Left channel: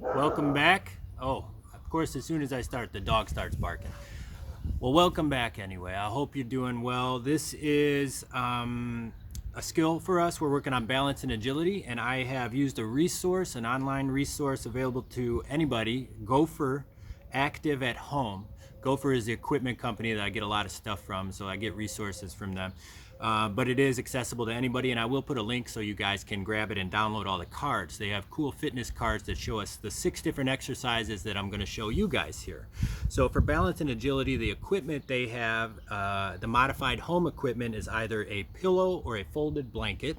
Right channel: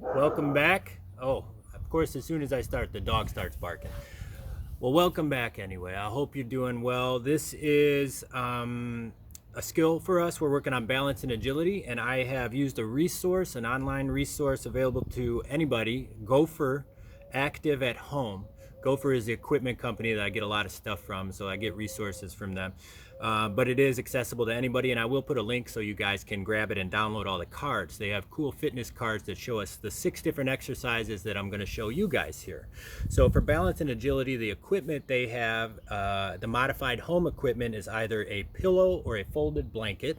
Welcome back. Oh, of course, as soon as I start, the dog starts barking. Well, welcome back anyway. I hope you're doing well. This is a skill for us. We're working on balance and agility, and I have used a resource, an online resource available to anybody, Gopher Active at Home. Gopher is the equipment company that I get a lot of stuff from, so I get resources from them. But it is accessible to anybody, and I will put a link so you guys can grab it and download all the cards. They have cool fitness cards that show us the 6 different exercises that I'm going to show you guys here. So for balance and agility, the equipment they have, the modified home equipment is either a pillow or a folded blanket.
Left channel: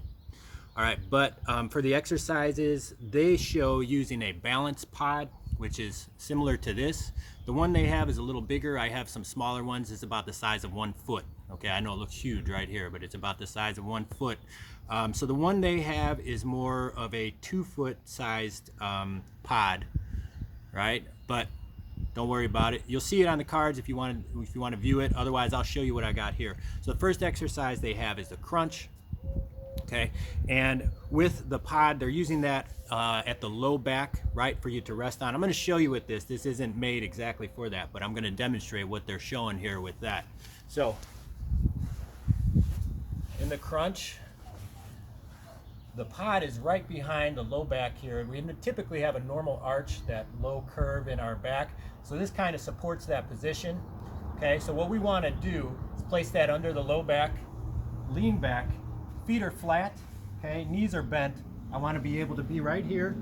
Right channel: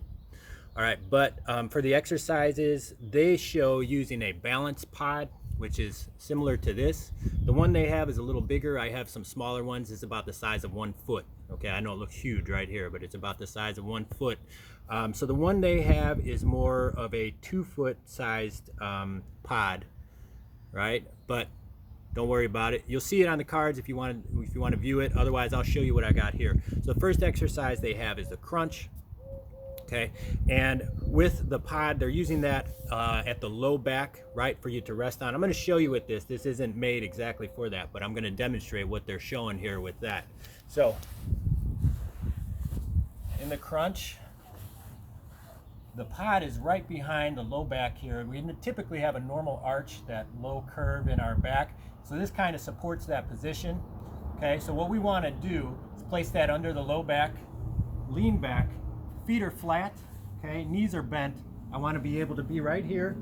All right, but for the exercises, they show using a balance pod, which is similar to this. The one they have is a little bigger. I have some smaller ones. It's about the size of 1 foot. Okay, I know it looks huge right here, but it's about the size of 1 foot. So the one they have is more of a 2-foot sized pod, right? But don't worry about it. You'll see it on the cards if you want to view it. Otherwise, I'll show you what I got here. So the first exercise they have is the crunch. Okay, and with the pod, they're using that at the low back, right, for you to rest on. I'm going to show you with this. This isn't made exactly for that, but I'm going to demonstrate what they're showing here with that. So in the crunch, the pod is right behind the low back here. We typically have a normal arch, that low curve in our back. So this kind of supports that position. Okay, so what we want to do is place that under the low back, lean back, feet are flat, okay, knees are bent. I want to be able to be right here,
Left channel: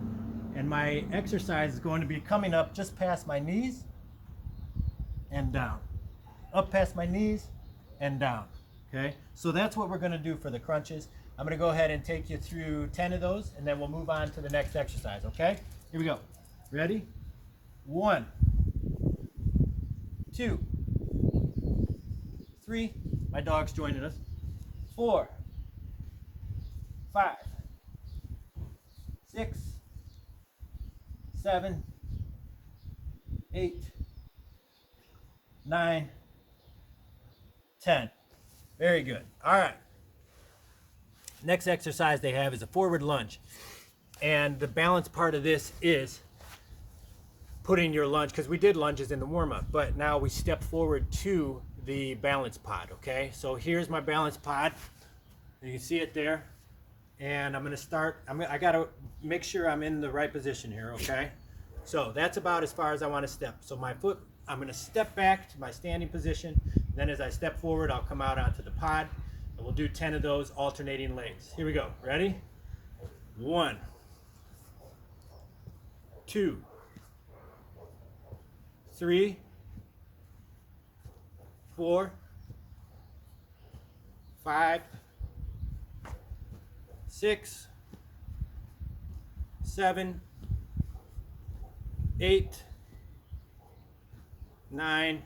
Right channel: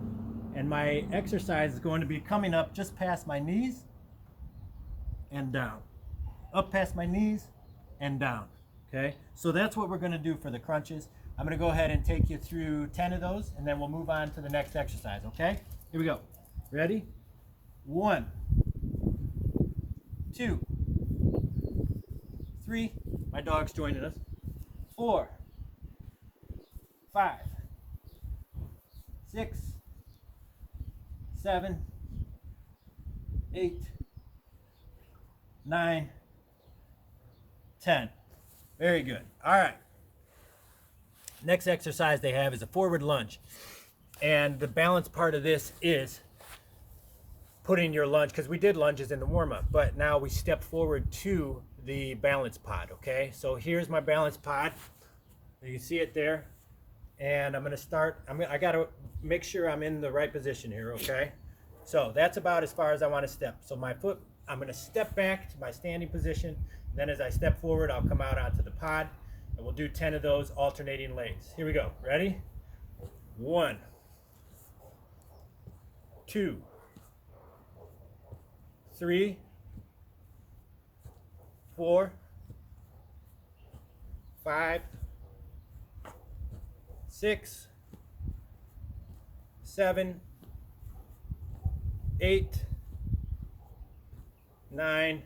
and my exercise is going to be coming up just past my knees and down. Up past my knees and down. Okay, so that's what we're going to do for the crunches. I'm going to go ahead and take you through 10 of those, and then we'll move on to the next exercise. Okay, here we go. Ready? 1, 2, 3. My dog's joining us. 4, 5, 6, 7, 8, 9, 10. Very good. All right. Next exercise they have is a forward lunge. And the balance part of this is putting your lunge, because we did lunges in the warm-up, but now we step forward to the balance pod, okay? So here's my balance pod. You can see it there. And I'm going to start, I got to make sure I'm in the right position here, okay? So that's about as far as I want to step. So my foot, I'm going to step back to my standing position. Then as I step forward, I'll come out onto the pod. And we'll do 10 of those alternating legs. Here we go. Ready? 1, 2, 3, 4, 5, 6, 7, 8, 9,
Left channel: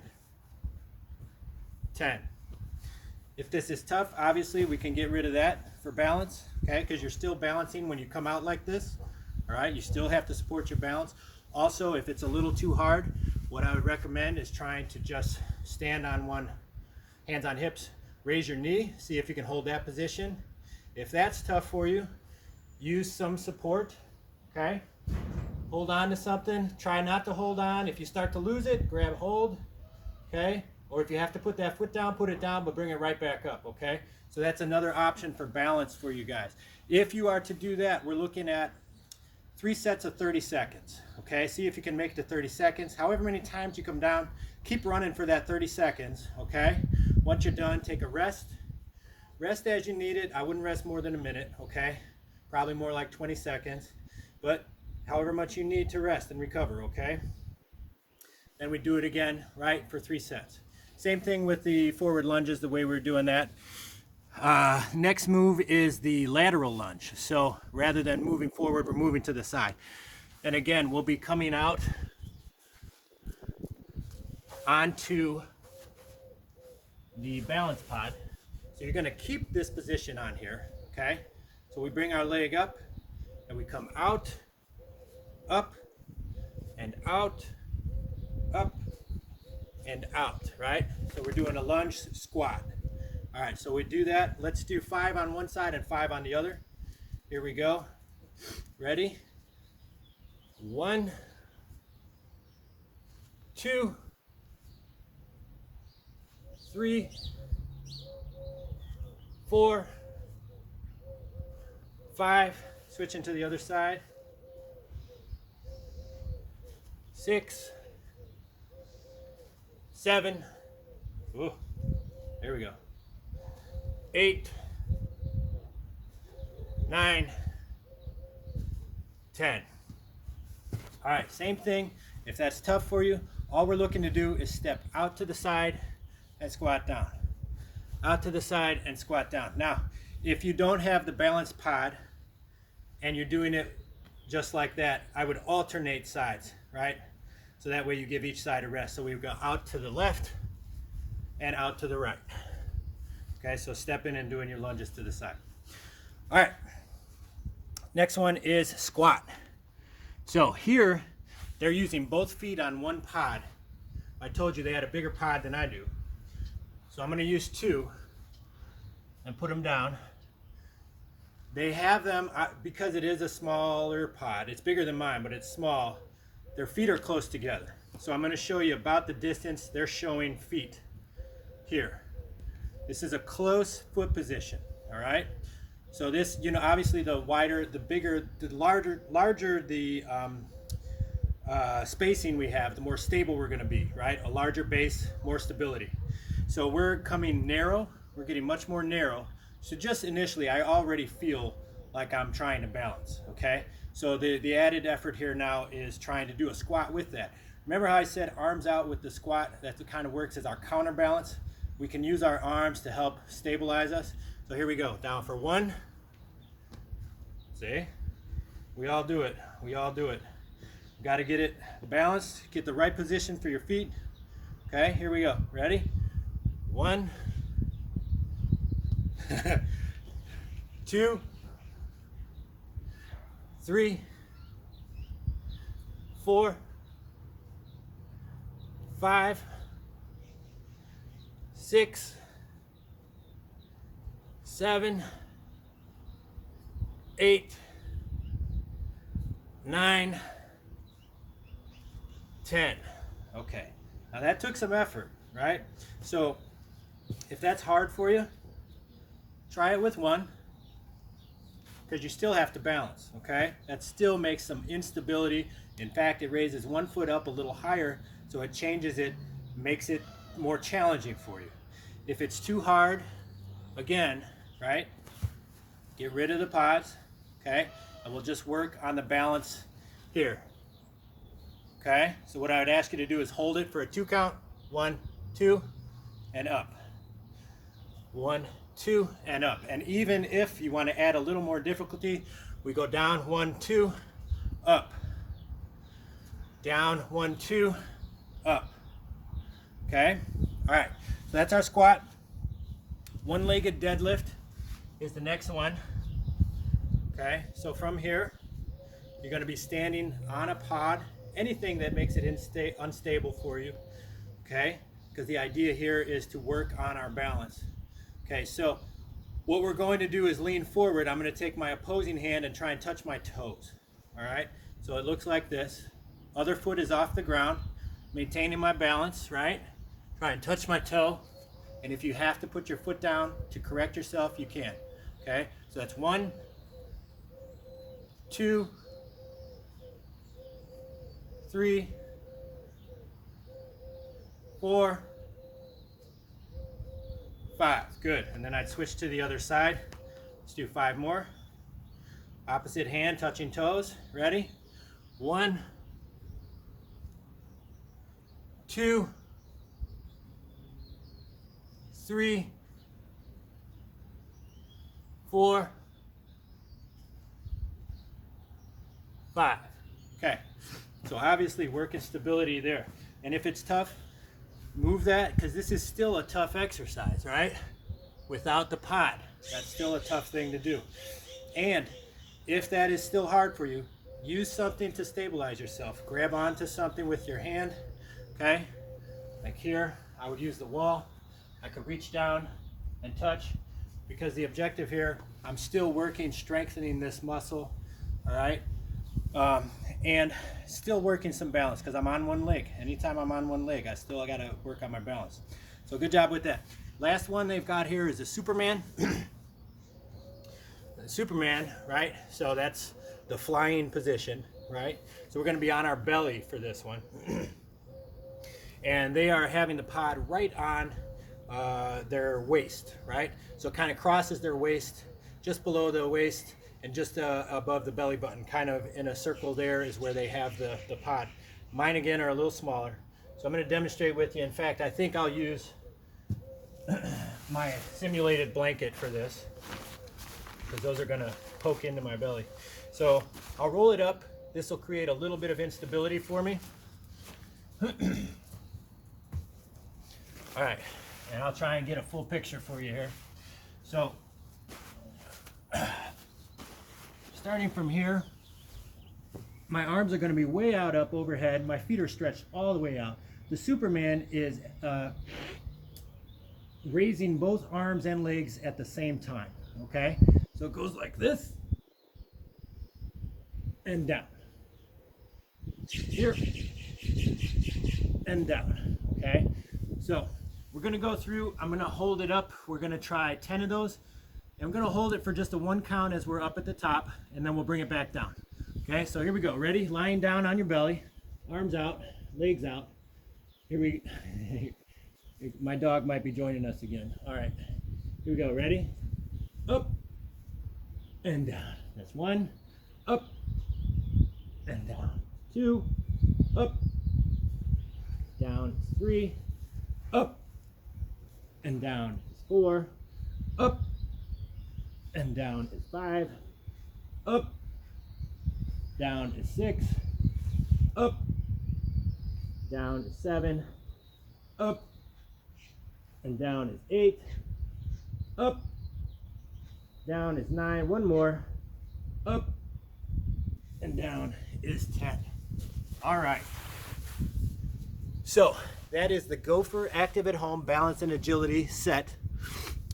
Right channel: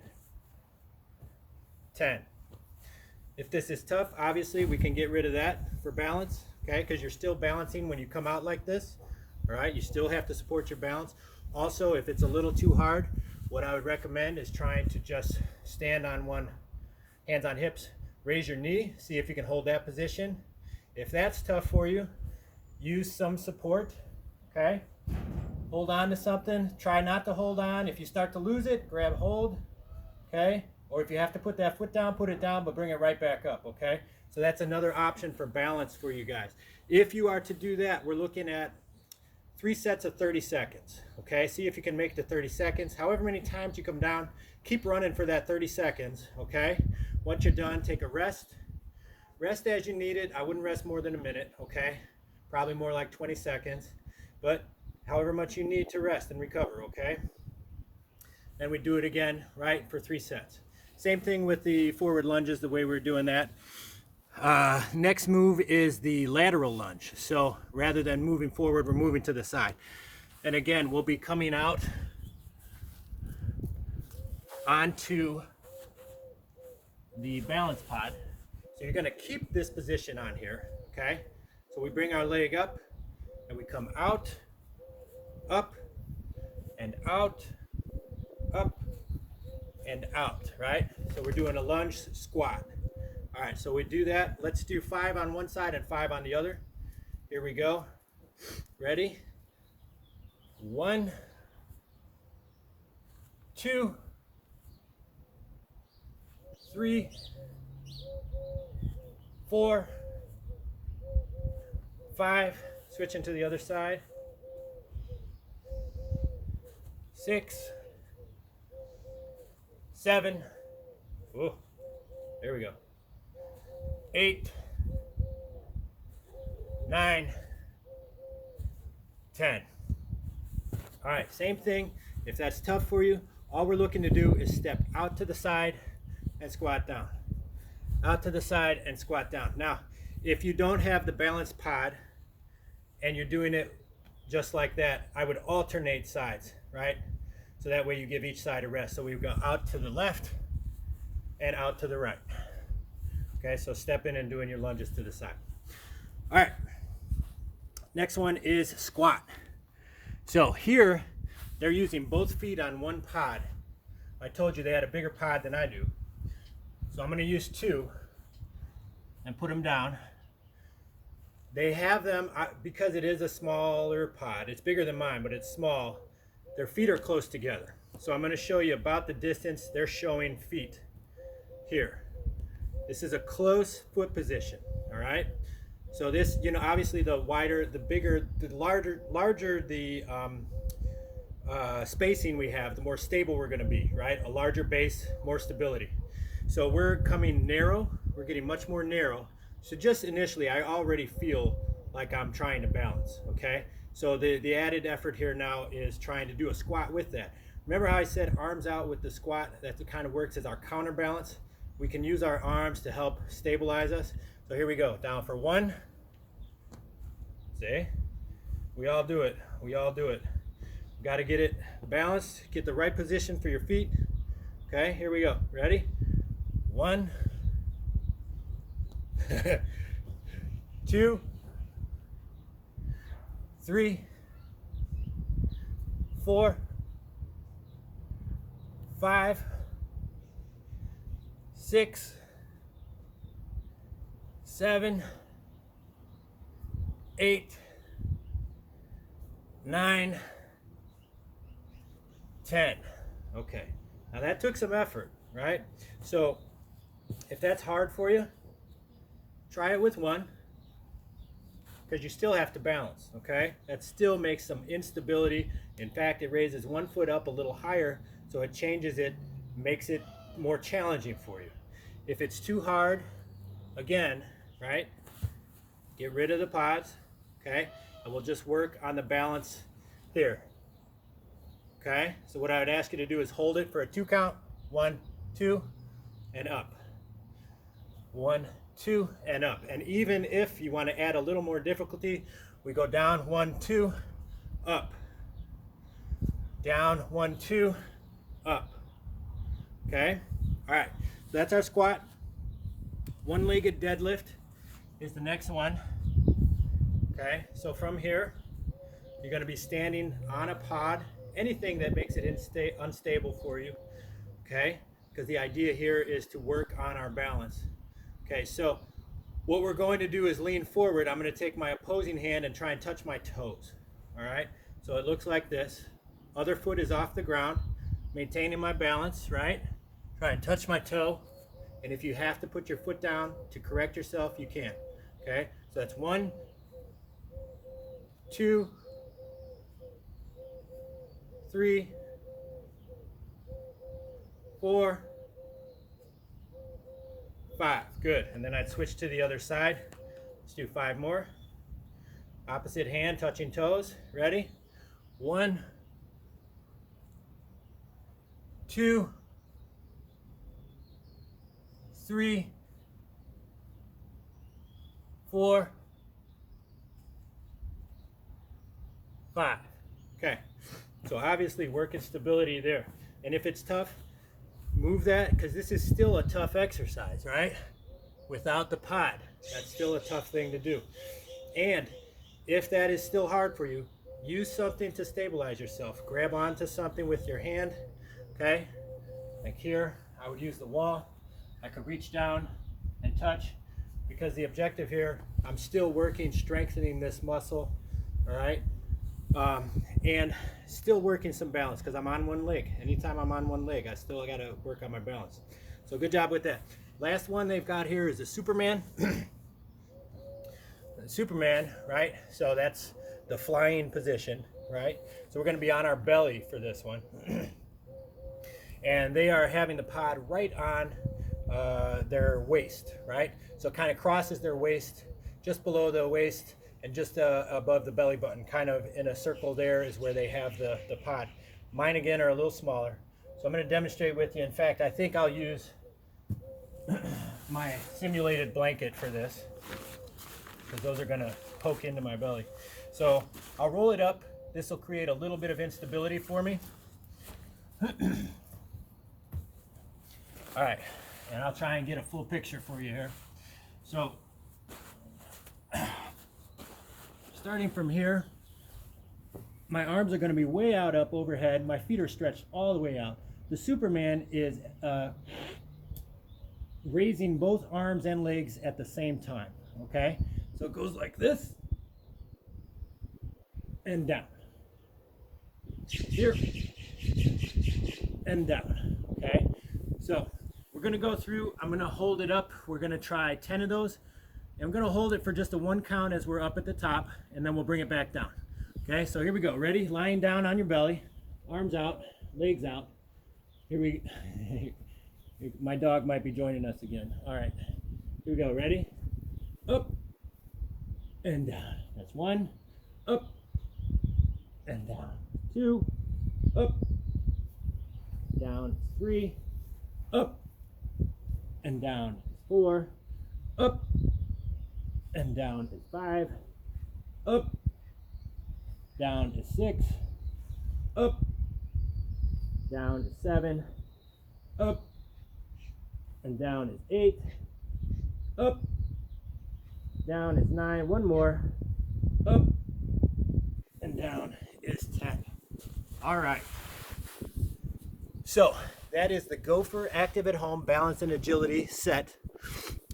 10. If this is tough, obviously we can get rid of that for balance, okay? Because you're still balancing when you come out like this, all right? You still have to support your balance. Also, if it's a little too hard, what I would recommend is trying to just stand on one, hands on hips, raise your knee, see if you can hold that position. If that's tough for you, use some support, okay? Hold on to something. Try not to hold on. If you start to lose it, grab hold, okay? Or if you have to put that foot down, put it down, but bring it right back up, okay? So that's another option for balance for you guys. If you are to do that, we're looking at 3 sets of 30 seconds, okay? See if you can make it to 30 seconds. However many times you come down, keep running for that 30 seconds, okay? Once you're done, take a rest. Rest as you need it. I wouldn't rest more than a minute, okay? Probably more like 20 seconds, but however much you need to rest and recover, okay? Then we do it again, right, for 3 sets. Same thing with the forward lunges, the way we're doing that. Next move is the lateral lunge. So rather than moving forward, we're moving to the side. And again, we'll be coming out onto the balance pod. So you're going to keep this position on here, okay? So we bring our leg up, and we come out, up, and out, up, and out, right? So we're doing a lunge squat. All right, so we do that. Let's do 5 on one side and 5 on the other. Here we go. Ready? 1, 2, 3, 4, 5, switching to the other side, 6, 7, oh, there we go, 8, 9, 10. All right, same thing. If that's tough for you, all we're looking to do is step out to the side and squat down. Out to the side and squat down. Now, if you don't have the balanced pod and you're doing it just like that, I would alternate sides, right? So that way you give each side a rest. So we go out to the left and out to the right. Okay, so step in and doing your lunges to the side. All right, next one is squat. So here, they're using both feet on one pod. I told you they had a bigger pod than I do. So I'm going to use 2 and put them down. They have them, because it is a smaller pod, it's bigger than mine, but it's small, their feet are close together. So I'm going to show you about the distance they're showing feet here. This is a close foot position, all right? So this, you know, obviously the wider, the bigger, the larger the spacing we have, the more stable we're going to be, right? A larger base, more stability. So we're coming narrow, we're getting much more narrow. So just initially, I already feel like I'm trying to balance, okay? So the added effort here now is trying to do a squat with that. Remember how I said arms out with the squat? That kind of works as our counterbalance. We can use our arms to help stabilize us. So here we go, down for 1. See? We all do it, we all do it. Got to get it balanced, get the right position for your feet. Okay, here we go. Ready? 1, 2, 3, 4, 5, 6, 7, 8, 9, 10. Okay, now that took some effort, right? So if that's hard for you, try it with 1, because you still have to balance, okay? That still makes some instability. In fact, it raises one foot up a little higher, so it changes it, makes it more challenging for you. If it's too hard, again, right, get rid of the pods, okay? And we'll just work on the balance here. Okay, so what I would ask you to do is hold it for a 2 count. 1, 2, and up. 1, 2, and up. And even if you want to add a little more difficulty, we go down 1, 2, up. Down 1, 2, up. Okay, all right, so that's our squat. One-legged deadlift is the next one. Okay, so from here, you're going to be standing on a pod. Anything that makes it unstable for you, okay? Because the idea here is to work on our balance. Okay, so what we're going to do is lean forward. I'm going to take my opposing hand and try and touch my toes, all right? So it looks like this. Other foot is off the ground, maintaining my balance, right? Try and touch my toe, and if you have to put your foot down to correct yourself, you can, okay? So that's 1, 2, 3, 4, 5. Good. And then I'd switch to the other side. Let's do 5 more. Opposite hand touching toes. Ready? 1, 2, 3, 4, 5. Okay. So obviously working stability there. And if it's tough, move that, because this is still a tough exercise, right? Without the pod, that's still a tough thing to do. And if that is still hard for you, use something to stabilize yourself. Grab onto something with your hand, okay? Like here, I would use the wall. I could reach down and touch, because the objective here, I'm still working, strengthening this muscle, all right? And still working some balance because I'm on one leg. Anytime I'm on one leg, I still got to work on my balance. So good job with that. Last one they've got here is a Superman. Superman, right? So that's the flying position, right? So we're going to be on our belly for this one. And they are having the pod right on their waist, right? So it kind of crosses their waist, just below the waist, and just above the belly button, kind of in a circle there is where they have the pod. Mine, again, are a little smaller. So I'm going to demonstrate with you. In fact, I think I'll use my simulated blanket for this, because those are going to poke into my belly. So I'll roll it up. This will create a little bit of instability for me. All right, and I'll try and get a full picture for you here. So starting from here, my arms are going to be way out up overhead. My feet are stretched all the way out. The Superman is raising both arms and legs at the same time, okay? So it goes like this and down. Here and down, okay? So we're gonna go through, I'm gonna hold it up. We're gonna try 10 of those. And I'm gonna hold it for just a 1 count as we're up at the top, and then we'll bring it back down. Okay, so here we go. Ready? Lying down on your belly, arms out, legs out. Here we, my dog might be joining us again. All right, here we go. Ready? Up and down. That's 1. Up and down. 2. Up. Down. 3. Up and down. 4. Up and down is 5. Up. Down is 6. Up. Down is 7. Up. And down is 8. Up. Down is 9. One more. Up. And down is 10. All right. So that is the Gopher Active at Home Balance and Agility set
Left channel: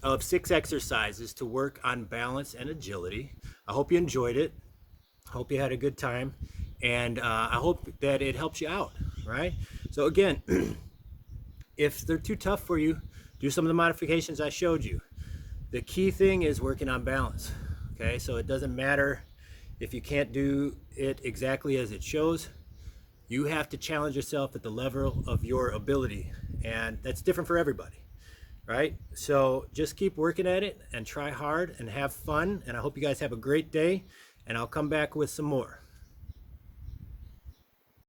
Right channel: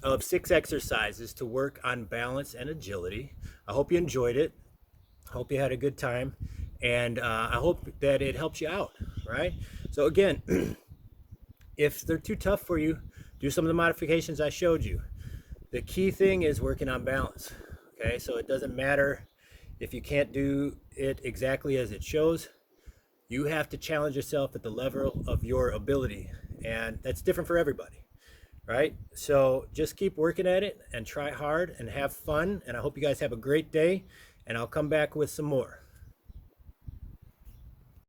of 6 exercises to work on balance and agility. I hope you enjoyed it. Hope you had a good time. And I hope that it helps you out, right? So again, if they're too tough for you, do some of the modifications I showed you. The key thing is working on balance, okay? So it doesn't matter if you can't do it exactly as it shows. You have to challenge yourself at the level of your ability, and that's different for everybody, right? So just keep working at it and try hard and have fun, and I hope you guys have a great day, and I'll come back with some more.